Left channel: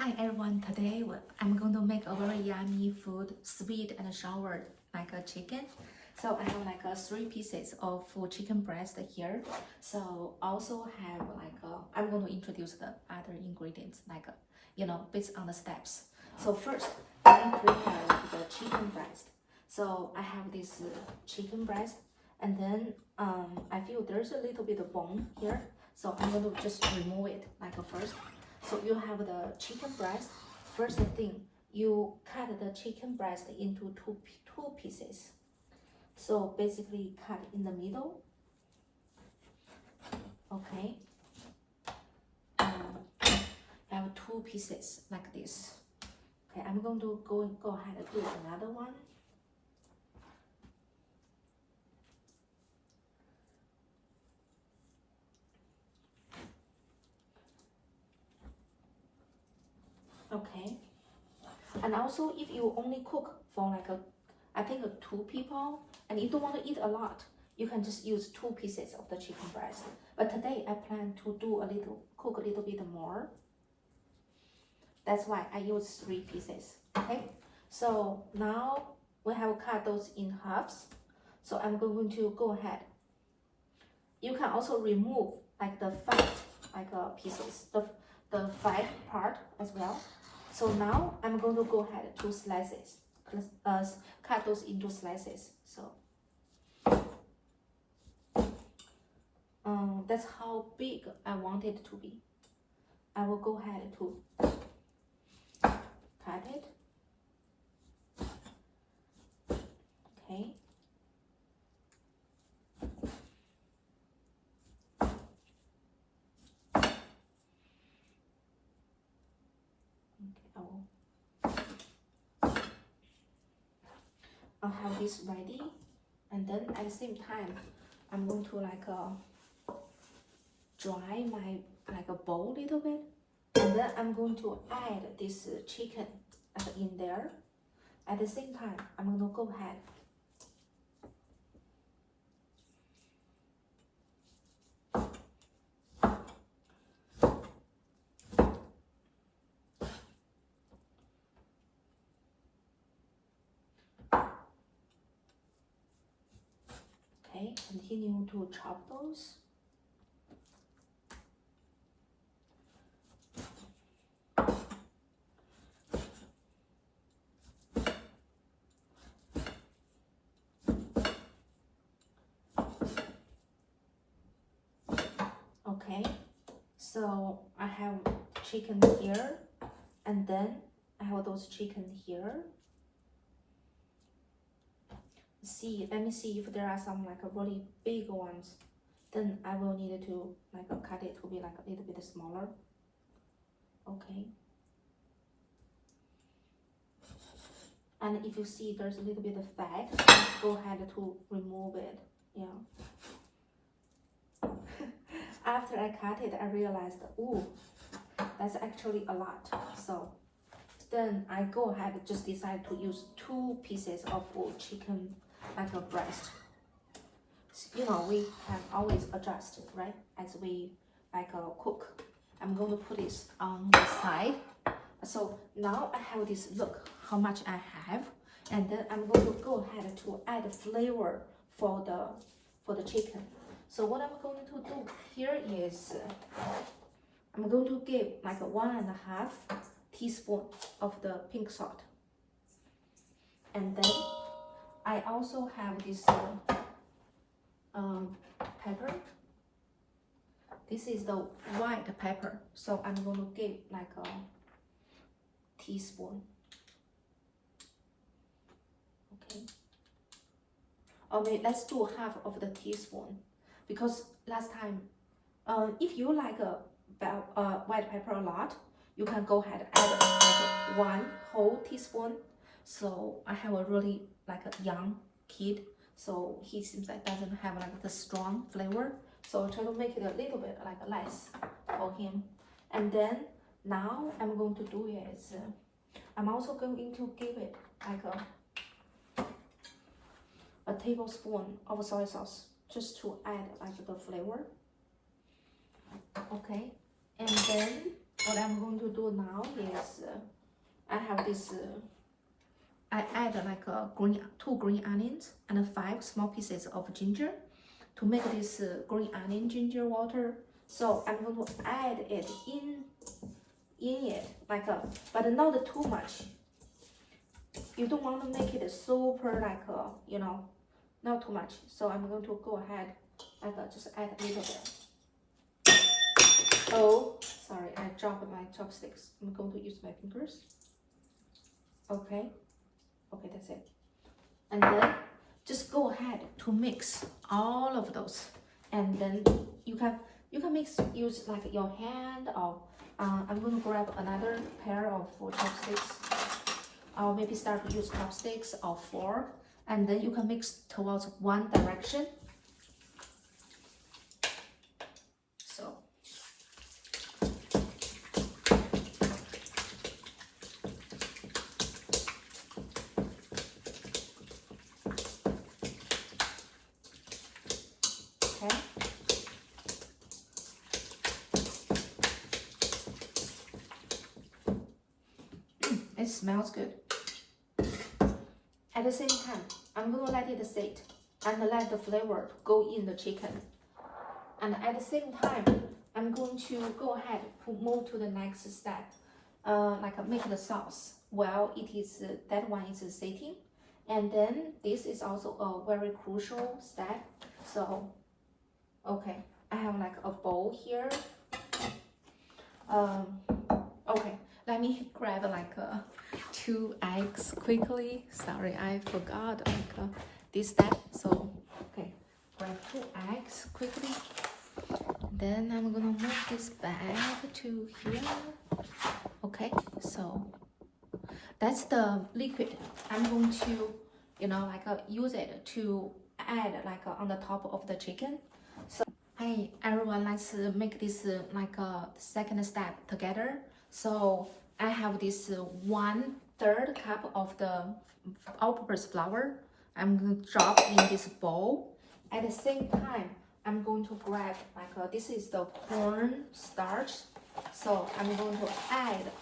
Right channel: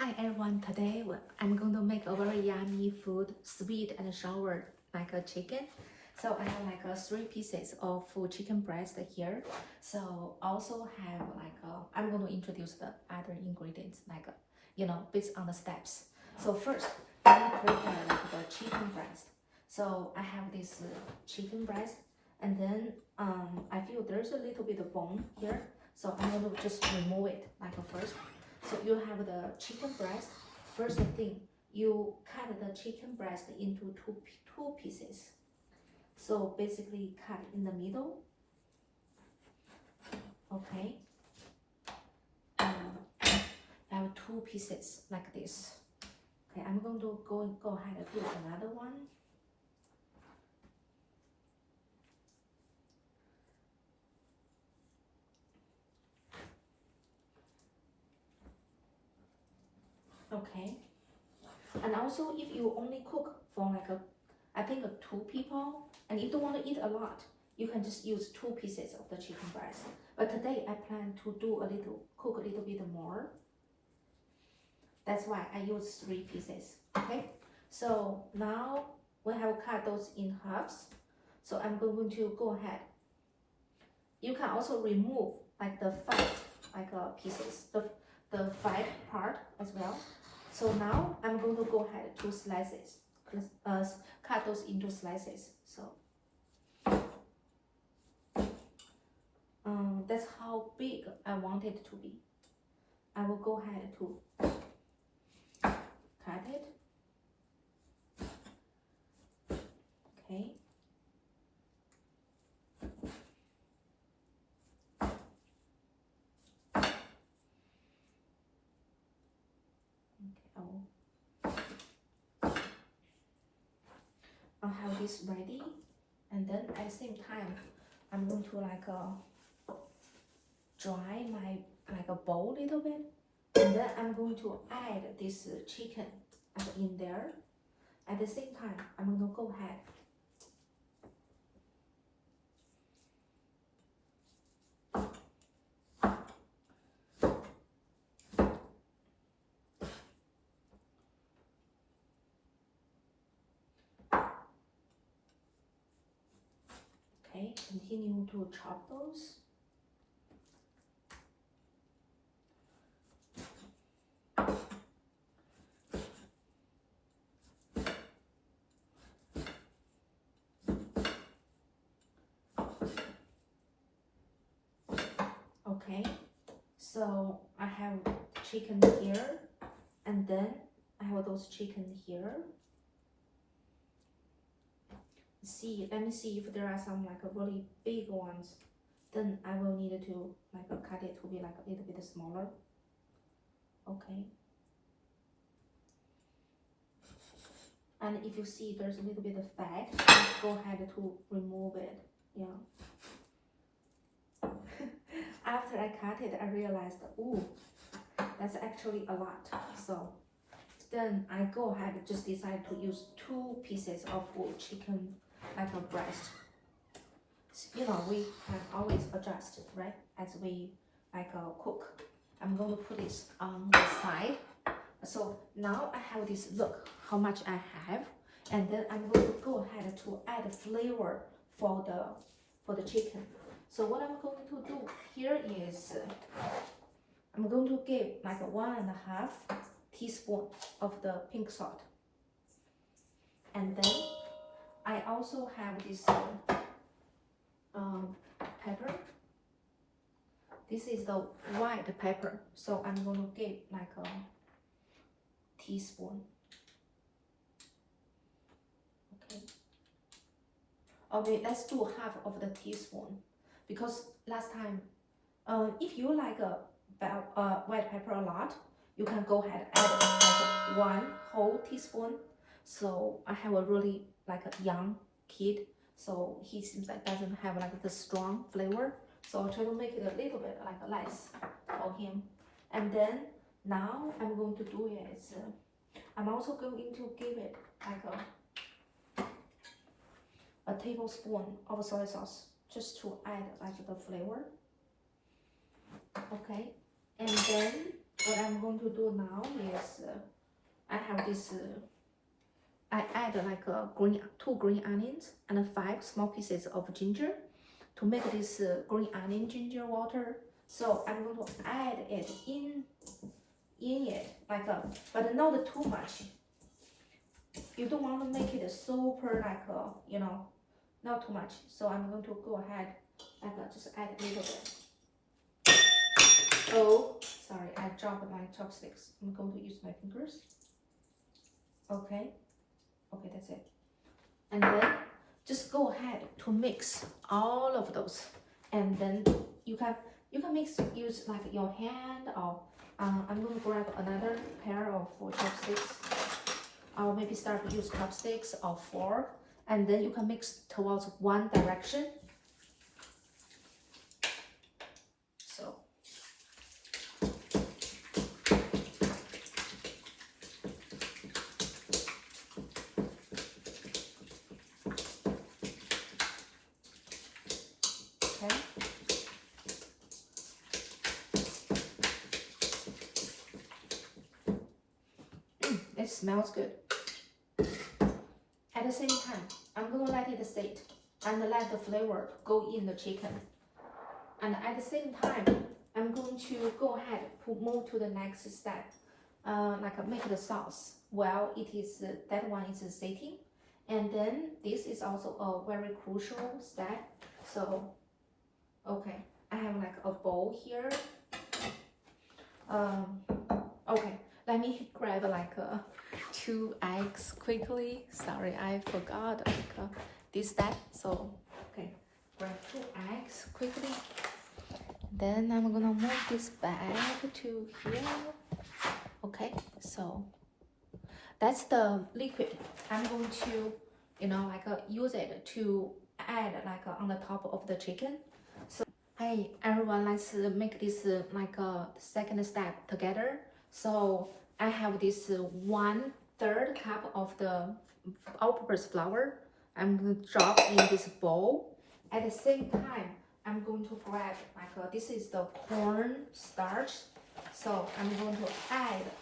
Hi everyone, today I'm going to make a very yummy food, sweet and sour, like a chicken. So I have like 3 pieces of chicken breast here. So also have I'm going to introduce the other ingredients based on the steps. So first, I prepare like the chicken breast. So I have this chicken breast, and then I feel there's a little bit of bone here. So I'm going to just remove it first. So you have the chicken breast. First thing, you cut the chicken breast into two pieces. So basically cut in the middle. Okay. I have 2 pieces like this. Okay, I'm going to go ahead and do another one. Okay. And also, if you only cook for I think 2 people, and you don't want to eat a lot, you can just use 2 pieces of the chicken breast. But today I plan to cook a little bit more. That's why I use 3 pieces. Okay. So now we have cut those in halves. So I'm going to go ahead. You can also remove the fat pieces, the fat part as well. So now I'm going to go ahead to slices, cut those into slices. So that's how big I want it to be. I will go ahead to cut it. Okay. I'll have this ready, and then at the same time I'm going to dry my a bowl a little bit, and then I'm going to add this chicken in there. At the same time I'm going to go ahead continue to chop those. Okay, so I have chicken here, and then I have those chicken here. Let me see if there are some really big ones. Then I will need to cut it to be a little bit smaller. Okay. And if you see there's a little bit of fat, go ahead to remove it. Yeah. After I cut it, I realized, ooh, that's actually a lot. So then I go ahead and just decide to use 2 pieces of chicken a breast. We can always adjust, right, as we cook. I'm going to put this on the side. So now I have this, look how much I have, and then I'm going to go ahead to add flavor for the chicken. So what I'm going to do here is I'm going to give 1.5 teaspoon of the pink salt, and then I also have this pepper. This is the white pepper, so I'm going to give a teaspoon. Okay. Okay, let's do half of the teaspoon, because last time, if you like white pepper a lot, you can go ahead and add 1 whole teaspoon. So I have a really a young kid, so he seems doesn't have the strong flavor. So I'll try to make it a little bit less for him. And then now I'm going to do is I'm also going to give it a tablespoon of soy sauce, just to add the flavor. Okay, and then what I'm going to do now is I have this. I add like two green onions and 5 small pieces of ginger to make this green onion ginger water. So I'm going to add it in it like but not too much. You don't want to make it super like you know, not too much. So I'm going to go ahead like just add a little bit. Oh, sorry, I dropped my chopsticks. I'm going to use my fingers. Okay, that's it. And then just go ahead to mix all of those, and then you can use like your hand, or I'm going to grab another pair of chopsticks. I'll maybe start to use chopsticks or fork, and then you can mix towards one direction. So okay. It smells good. At the same time, I'm going to let it sit and let the flavor go in the chicken. And at the same time, I'm going to go ahead to move to the next step, like make the sauce while it is that one is sitting. And then this is also a very crucial step. So, okay, I have like a bowl here. Okay, let me grab like 2 eggs quickly. Sorry, I forgot like this step. So, okay, grab 2 eggs quickly. Then I'm gonna move this bag to here. Okay, so that's the liquid. I'm going to, you know, like use it to add like on the top of the chicken. So, hey everyone, let's make this like a second step together. So I have this 1/3 cup of the all-purpose flour. I'm going to drop in this bowl. At the same time, I'm going to grab like this is the corn starch. So I'm going to add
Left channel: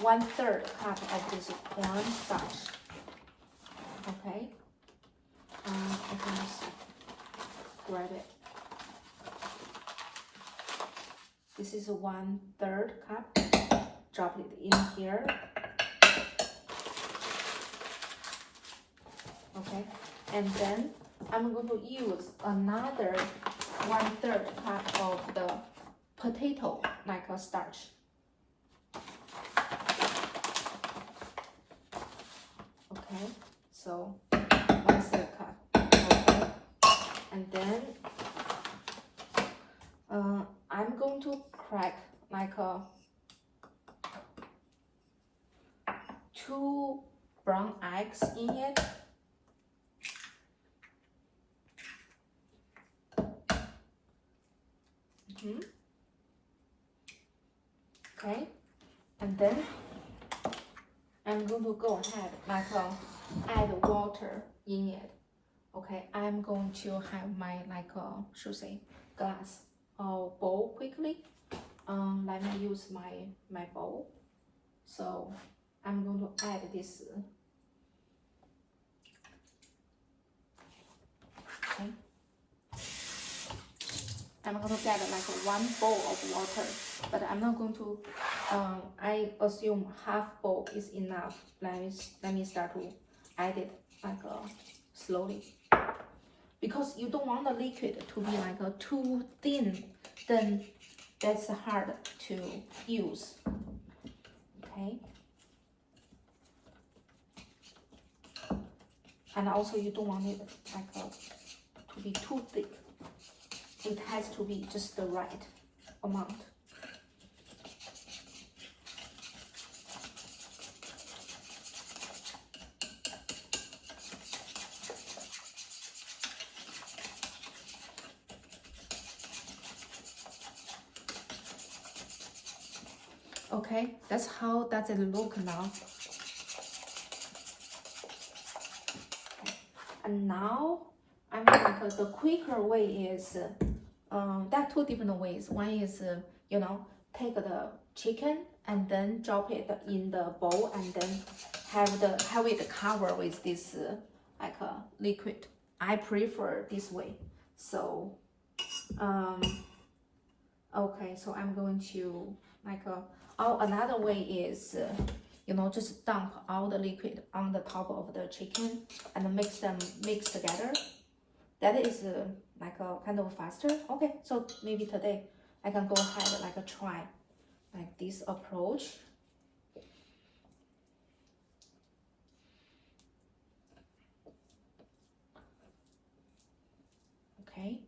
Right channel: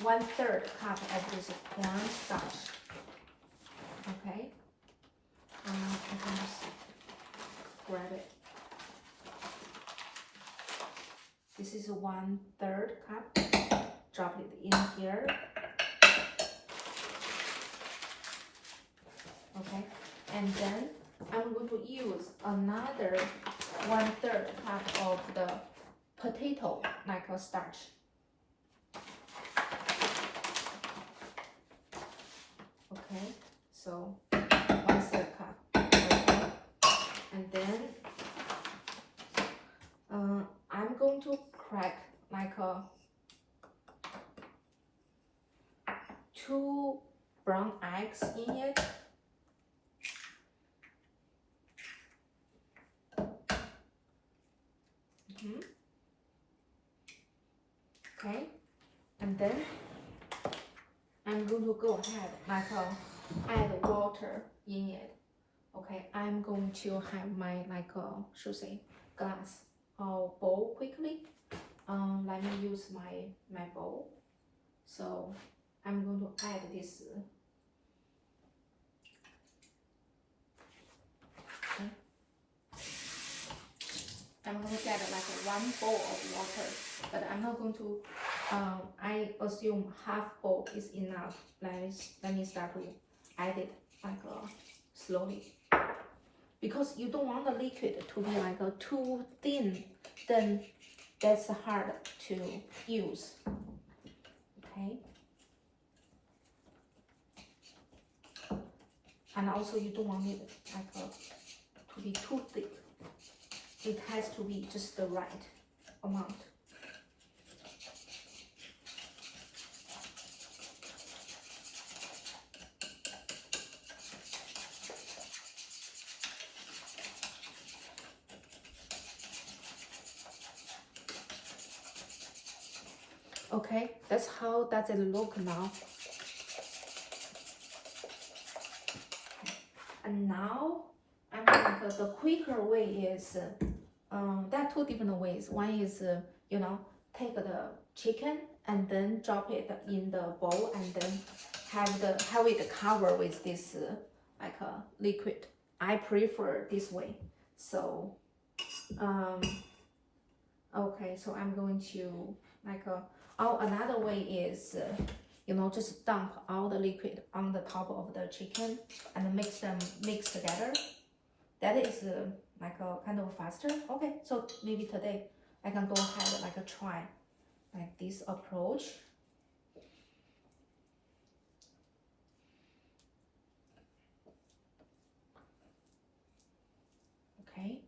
1/3 cup of this corn starch. Okay, I can just grab it. This is 1/3 cup. Drop it in here. Okay, and then I'm going to use another 1/3 cup of the potato like a starch. Okay, so 1/3 cup. Okay, and then I'm going to crack like 2 brown eggs in it. Okay, and then I'm going to go ahead like add water in it. Okay, I'm going to have my like should say glass or bowl quickly. Let me use my bowl. So I'm going to add this. Okay. I'm going to get like 1 bowl of water, but I'm not going to. I assume half bowl is enough. Let me start to add it like slowly, because you don't want the liquid to be like too thin. Then that's hard to use. Okay. And also you don't want it like to be too thick. It has to be just the right amount. Okay, that's how does it look now. And now I'm like the quicker way is there are 2 different ways. One is you know, take the chicken and then drop it in the bowl and then have it covered with this like a liquid. I prefer this way. So okay, so I'm going to like another way is you know, just dump all the liquid on the top of the chicken and mix them together. That is like a kind of faster. Okay, so maybe today I can go ahead like try like this approach. Okay,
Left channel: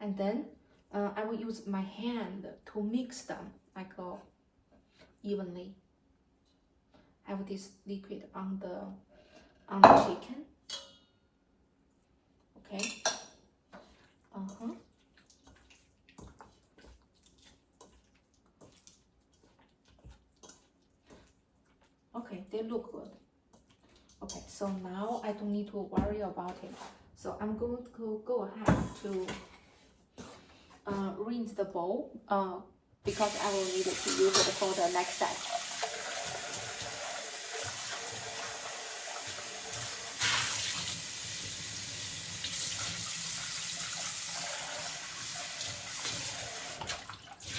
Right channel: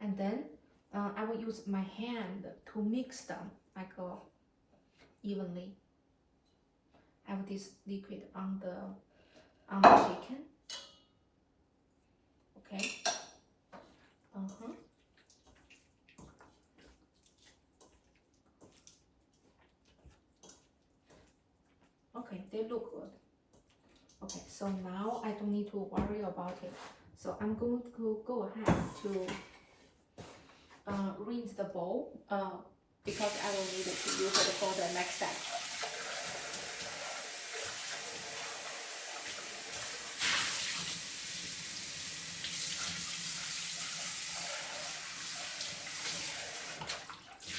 and then I will use my hand to mix them like evenly. Have this liquid on the chicken. Okay. Okay, they look good. Okay, so now I don't need to worry about it. So I'm going to go ahead to rinse the bowl because I will need to use it for the next step.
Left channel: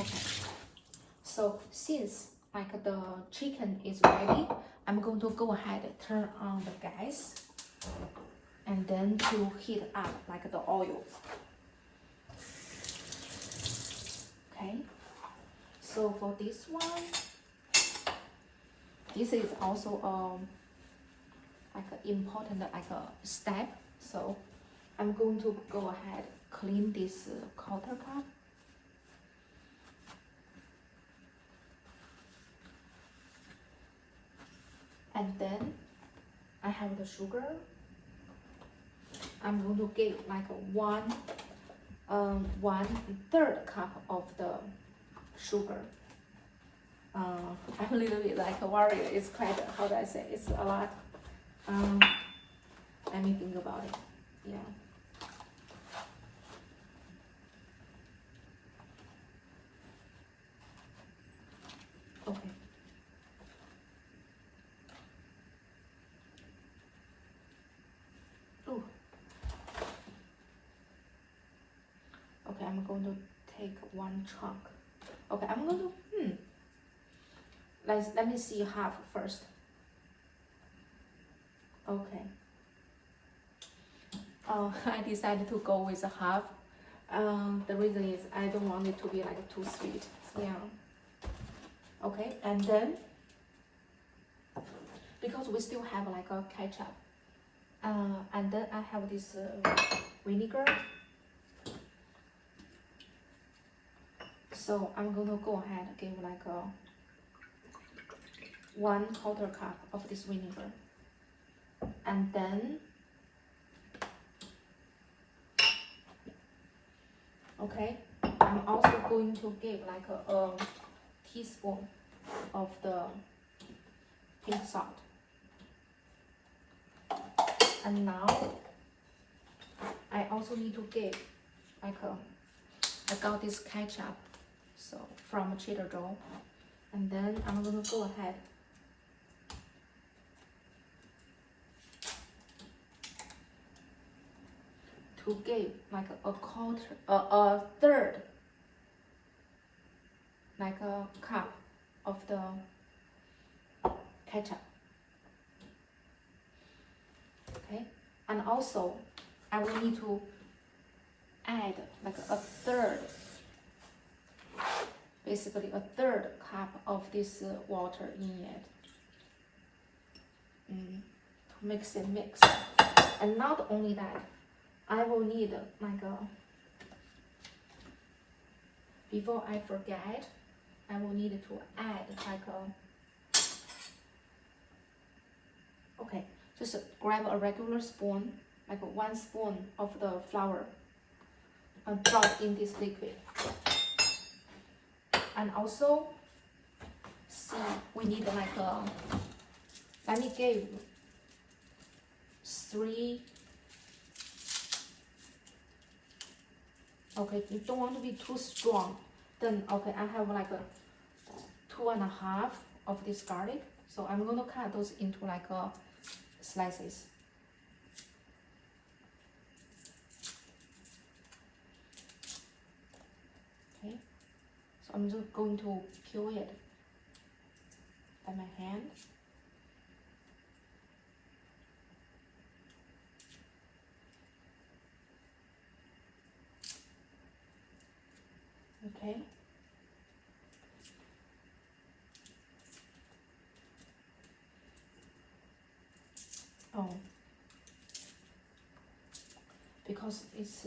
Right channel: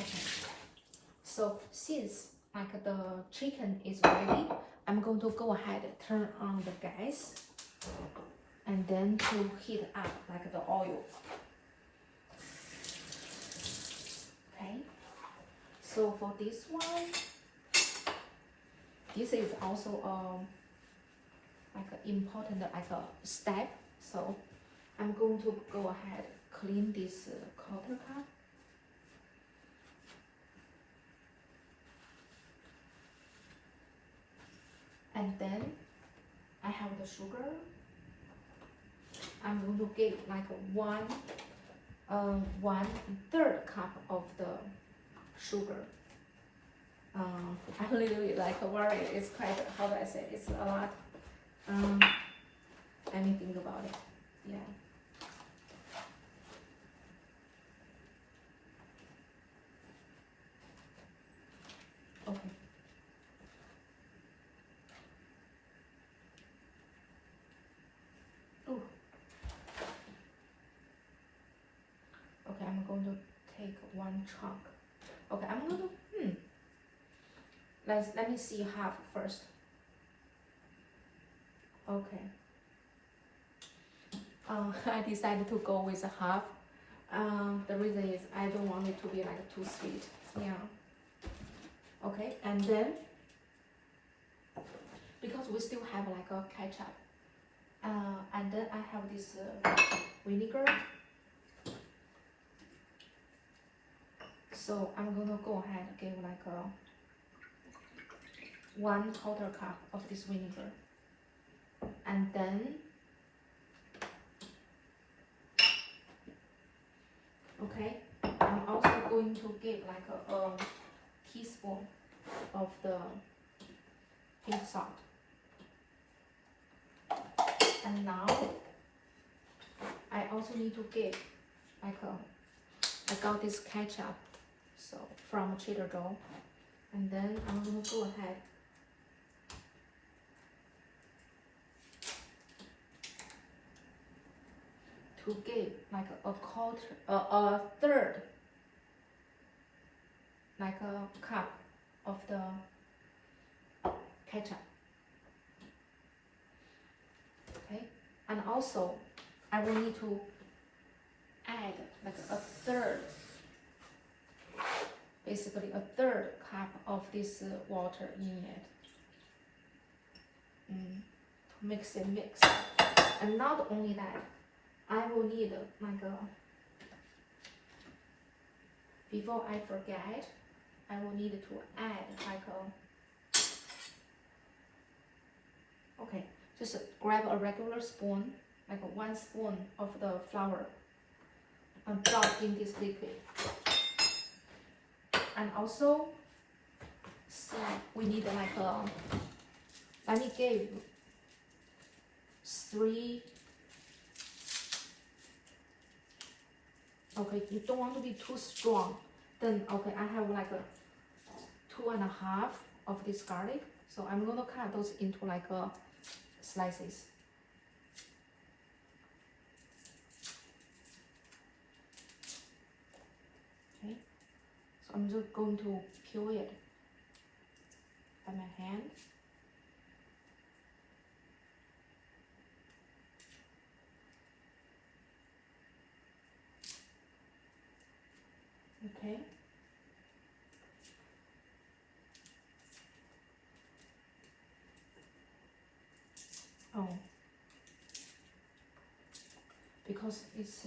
Okay, so since like the chicken is ready, I'm going to go ahead and turn on the gas and then to heat up like the oil. Okay, so for this one, this is also like an important like a step. So I'm going to go ahead clean this countertop. And then I have the sugar. I'm going to give like one third cup of the sugar. I'm a little bit like a warrior. It's quite, how do I say? It's a lot. Let me think about it. Yeah. Okay. Ooh. Okay, I'm going to take one chunk. Okay, I'm going to let me see half first. Okay. I decided to go with a half. The reason is I don't want it to be like too sweet. Yeah. Okay, and then because we still have like a ketchup, and then I have this vinegar. So I'm gonna go ahead and give like a 1/4 cup of this vinegar, and then okay, I'm also going to give like a teaspoon of the pink salt. And now I also need to give like I got this ketchup, so from Trader Joe, and then I'm gonna go ahead to give like a third, like a cup of the ketchup. Okay, and also I will need to add like a third, basically a third cup of this water in it. To mix it mix. And not only that, I will need like before I forget, I will need to add like okay, just grab a regular spoon, like 1 spoon of the flour, and drop in this liquid. And also, see, we need like let me give 3. Okay, you don't want to be too strong. Then okay, I have like 2.5 of this garlic. So I'm going to cut those into like slices. Okay, so I'm just going to peel it by my hand. Okay. Oh, because it's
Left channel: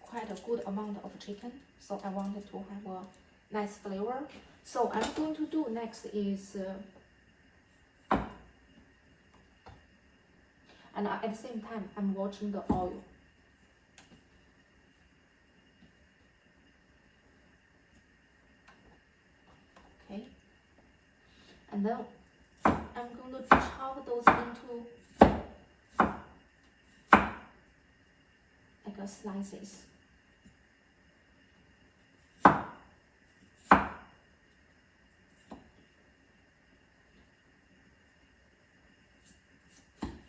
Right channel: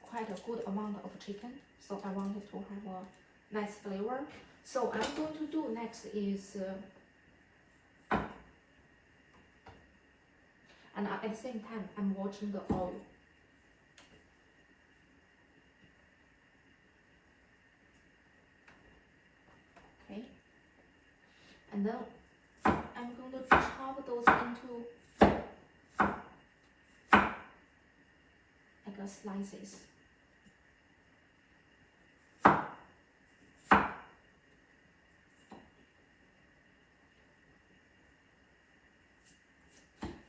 quite a good amount of chicken, so I wanted to have a nice flavor. So I'm going to do next is, and at the same time, I'm watching the oil. Okay, and then I'm going to chop those into like slices.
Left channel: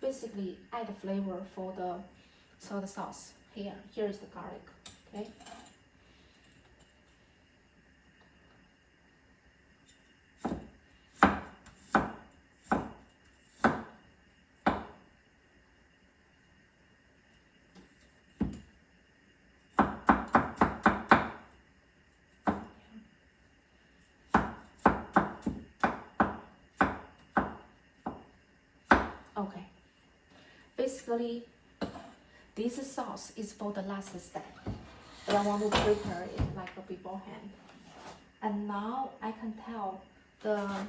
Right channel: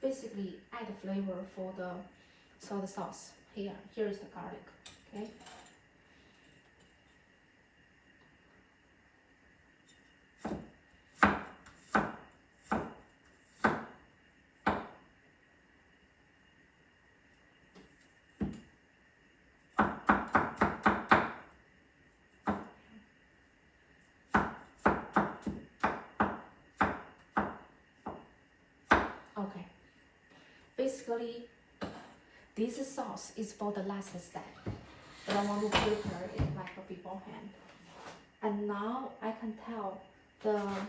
Basically, add flavor for the soy sauce. Here is the garlic. Okay. Okay. Basically, this sauce is for the last step, but I want to prepare it like beforehand. And now I can tell the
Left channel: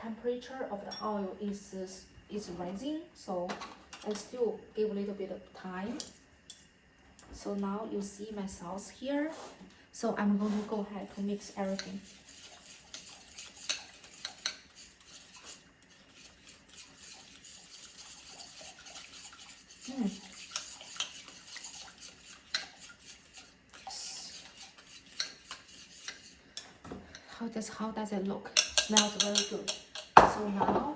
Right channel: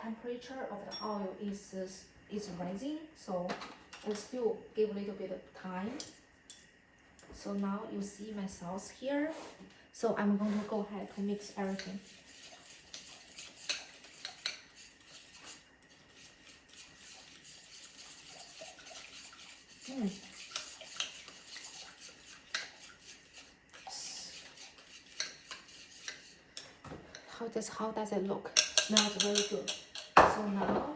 temperature of the oil is rising, so I still give a little bit of time. So now you see my sauce here. So I'm going to go ahead to mix everything. How does it look? Smells very good. So now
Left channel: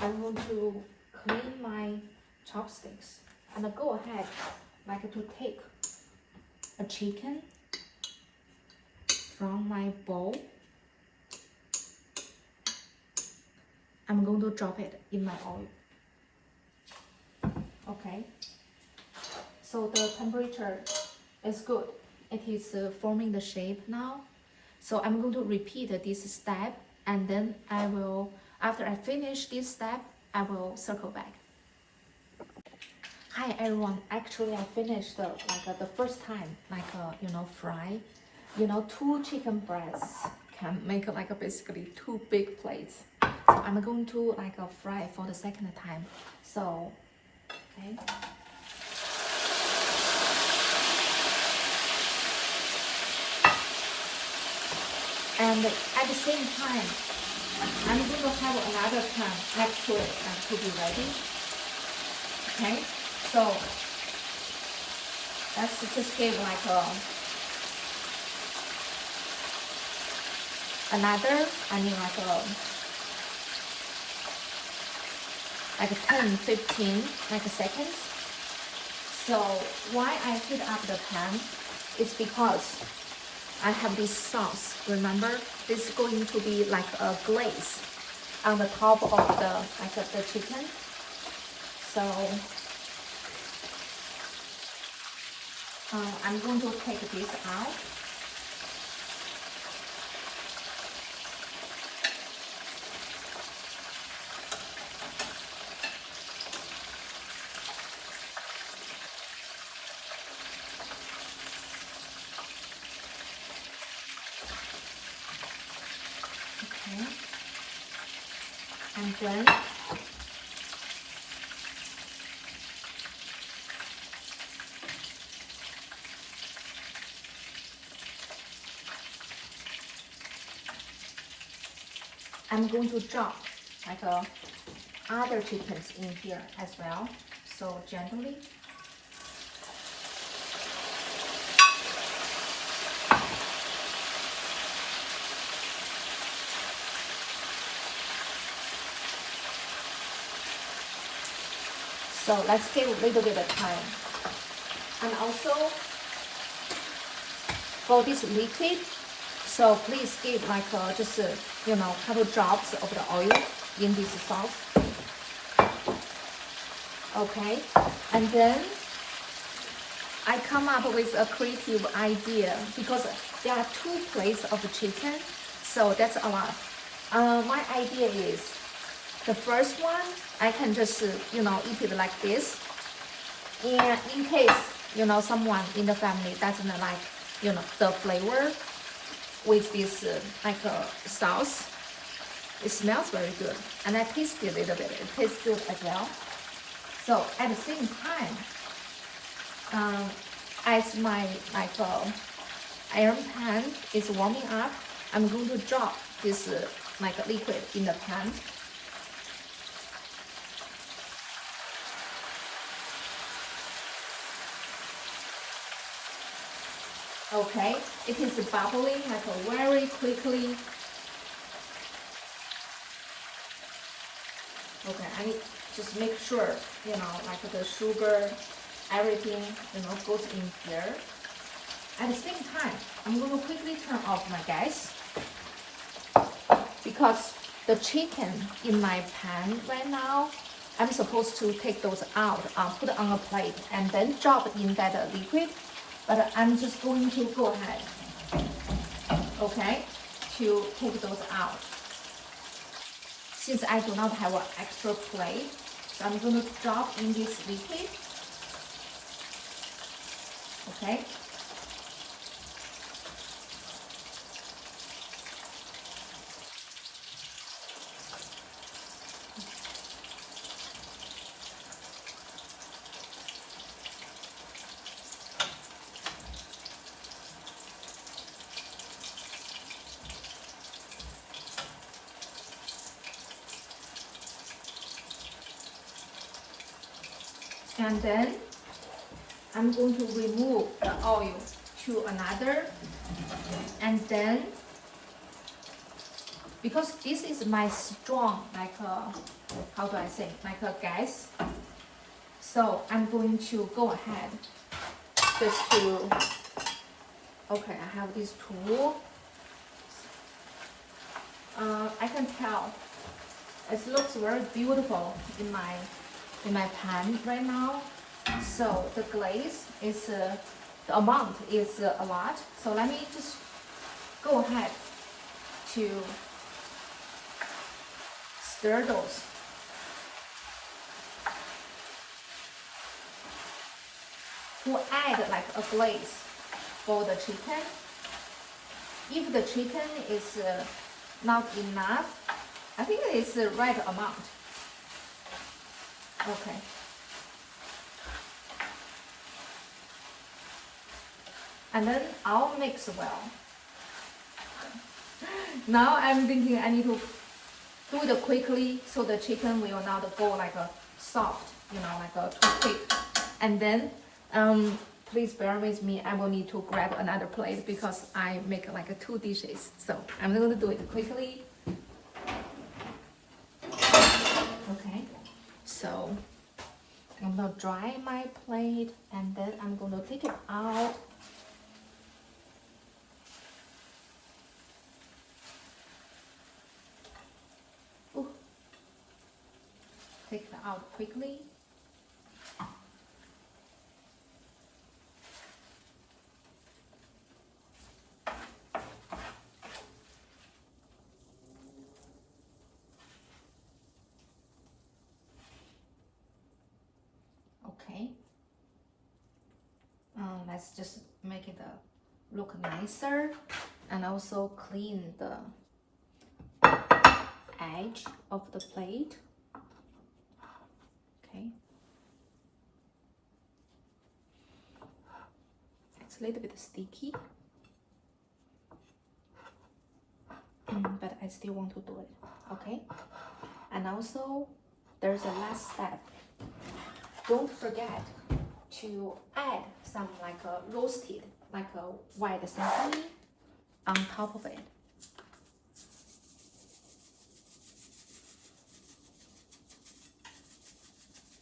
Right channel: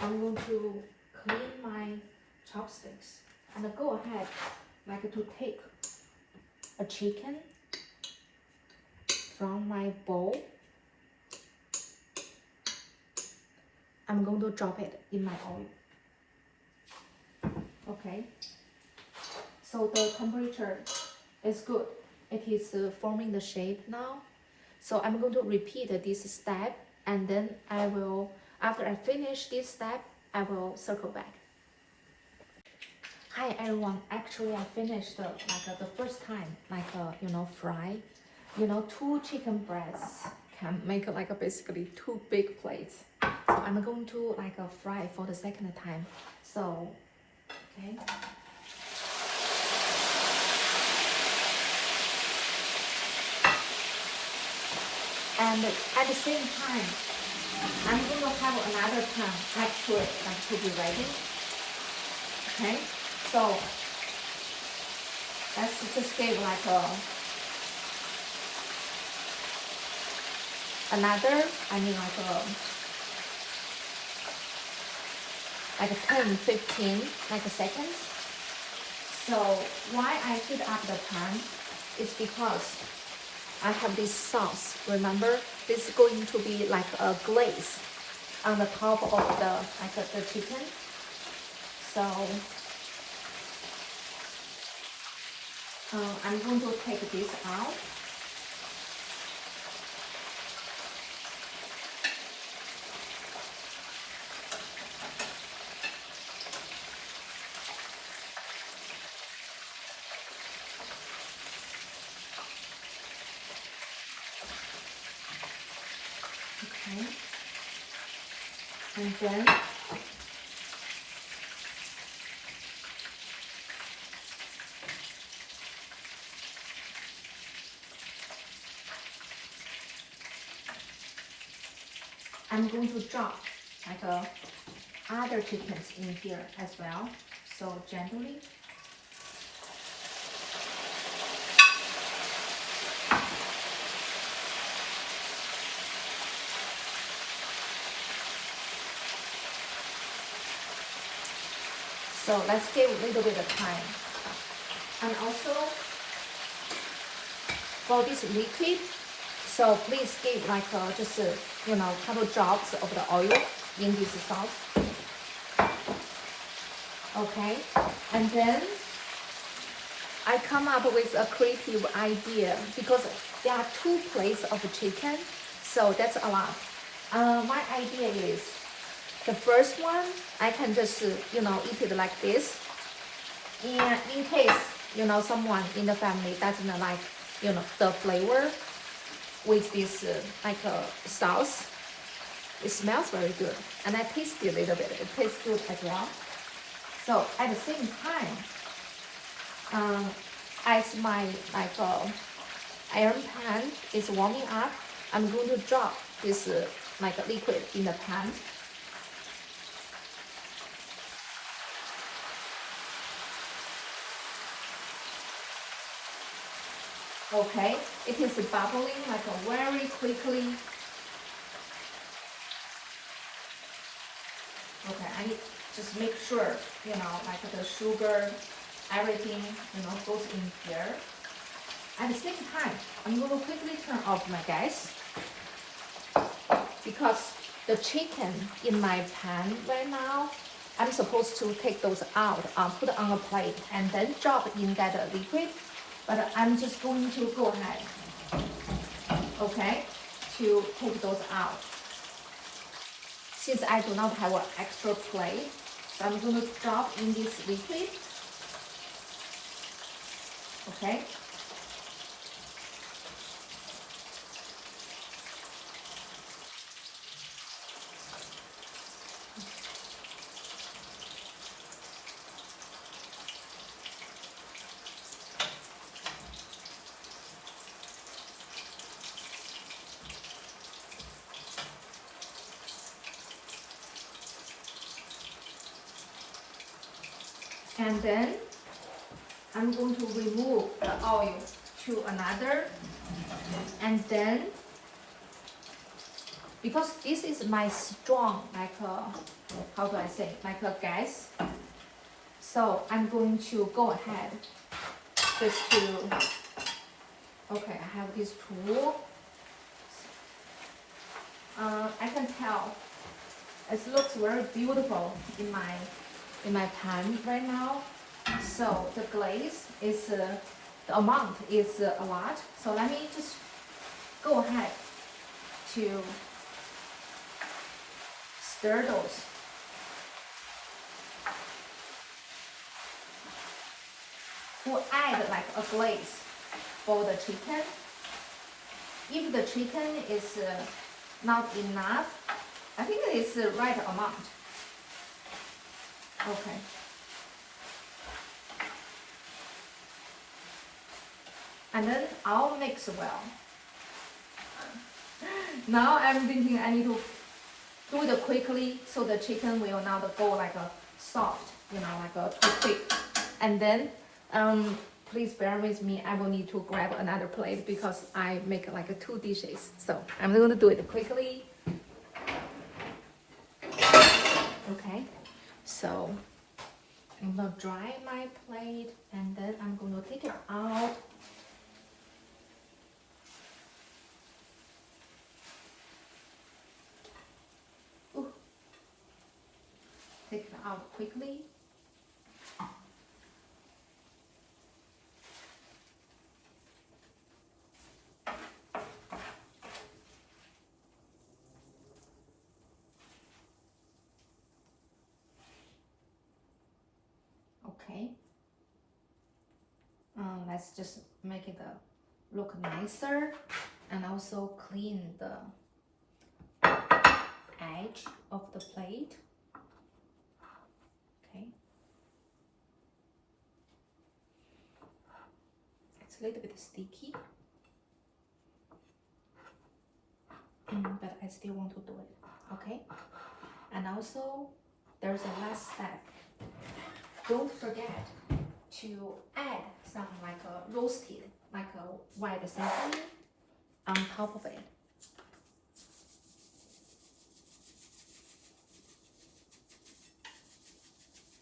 I'm going to clean my chopsticks and go ahead like to take a chicken from my bowl. I'm going to drop it in my oil. Okay. So the temperature is good. It is forming the shape now. So I'm going to repeat this step, and then I will, after I finish this step, I will circle back. Hi everyone, actually I finished the first time, fry. 2 chicken breasts can make basically 2 big plates. So I'm going to fry for the second time. So, okay. And at the same time, I'm going to have another pan actually to be ready. Okay, so let's just give another, 10-15 seconds. So why I heat up the pan is because I have this sauce. Remember, this is going to be like a glaze on the top of the chicken. So I'm going to take this out. Okay. And then I'm going to drop other chickens in here as well. So gently. So let's give a little bit of time. And also, for this liquid, so please give like just you know, couple drops of the oil in this sauce. Okay, and then I come up with a creative idea because there are 2 plates of chicken, so that's a lot. My idea is the first one I can just you know, eat it like this, and in case you know, someone in the family doesn't like you know, the flavor with this like sauce, it smells very good, and I taste it a little bit. It tastes good as well. So at the same time, as my like iron pan is warming up, I'm going to drop this like liquid in the pan. Okay, it is bubbling like very quickly. Okay, I need just make sure, you know, like the sugar, everything, you know, goes in here. At the same time, I'm going to quickly turn off my gas because the chicken in my pan right now, I'm supposed to take those out, put it on a plate, and then drop in that liquid. But I'm just going to go ahead, okay, to take those out. Since I do not have an extra plate, so I'm going to drop in this liquid, okay. And then I'm going to remove the oil to another, and then because this is my strong, like how do I say, like a gas, so I'm going to go ahead just to, okay, I have this tool. I can tell it looks very beautiful in my pan right now. So the glaze is the amount is a lot. So let me just go ahead to stir those. To add like a glaze for the chicken. If the chicken is not enough, I think it is the right amount. Okay. And then I'll mix well. Now I'm thinking I need to do it quickly so the chicken will not go like a soft, you know, like a too quick. And then please bear with me, I will need to grab another plate because I make like 2 dishes. So I'm going to do it quickly. Okay, so I'm gonna dry my plate and then I'm gonna take it out. Ooh. Take it out quickly. Okay. Let's just make it look nicer and also clean the edge of the plate. Okay. It's a little bit sticky, but I still want to do it. Okay. And also, there's a last step. Don't forget to add some like a roasted, like a white sesame on top of it.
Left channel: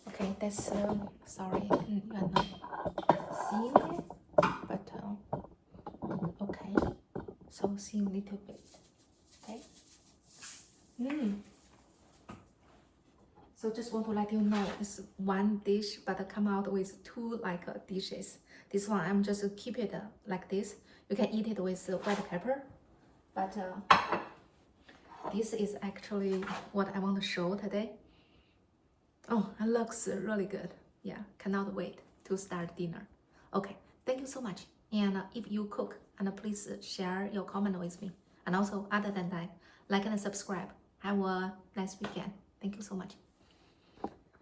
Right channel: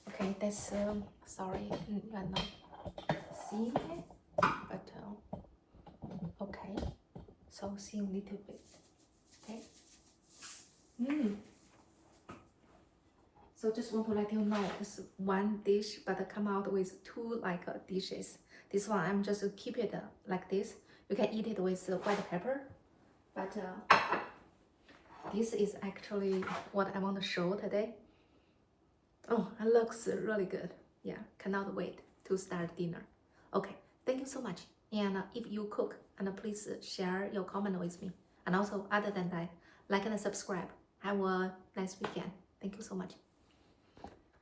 Okay. Okay, that's sorry, you are not seeing it, but okay. So see a little bit. Okay. So just want to let you know, it's one dish, but I come out with two like dishes. This one I'm just keep it like this. You can eat it with white pepper, but this is actually what I want to show today. Oh, it looks really good. Yeah, cannot wait to start dinner. Okay, thank you so much. And if you cook, and please share your comment with me. And also, other than that, like and subscribe. Have a nice weekend. Thank you so much.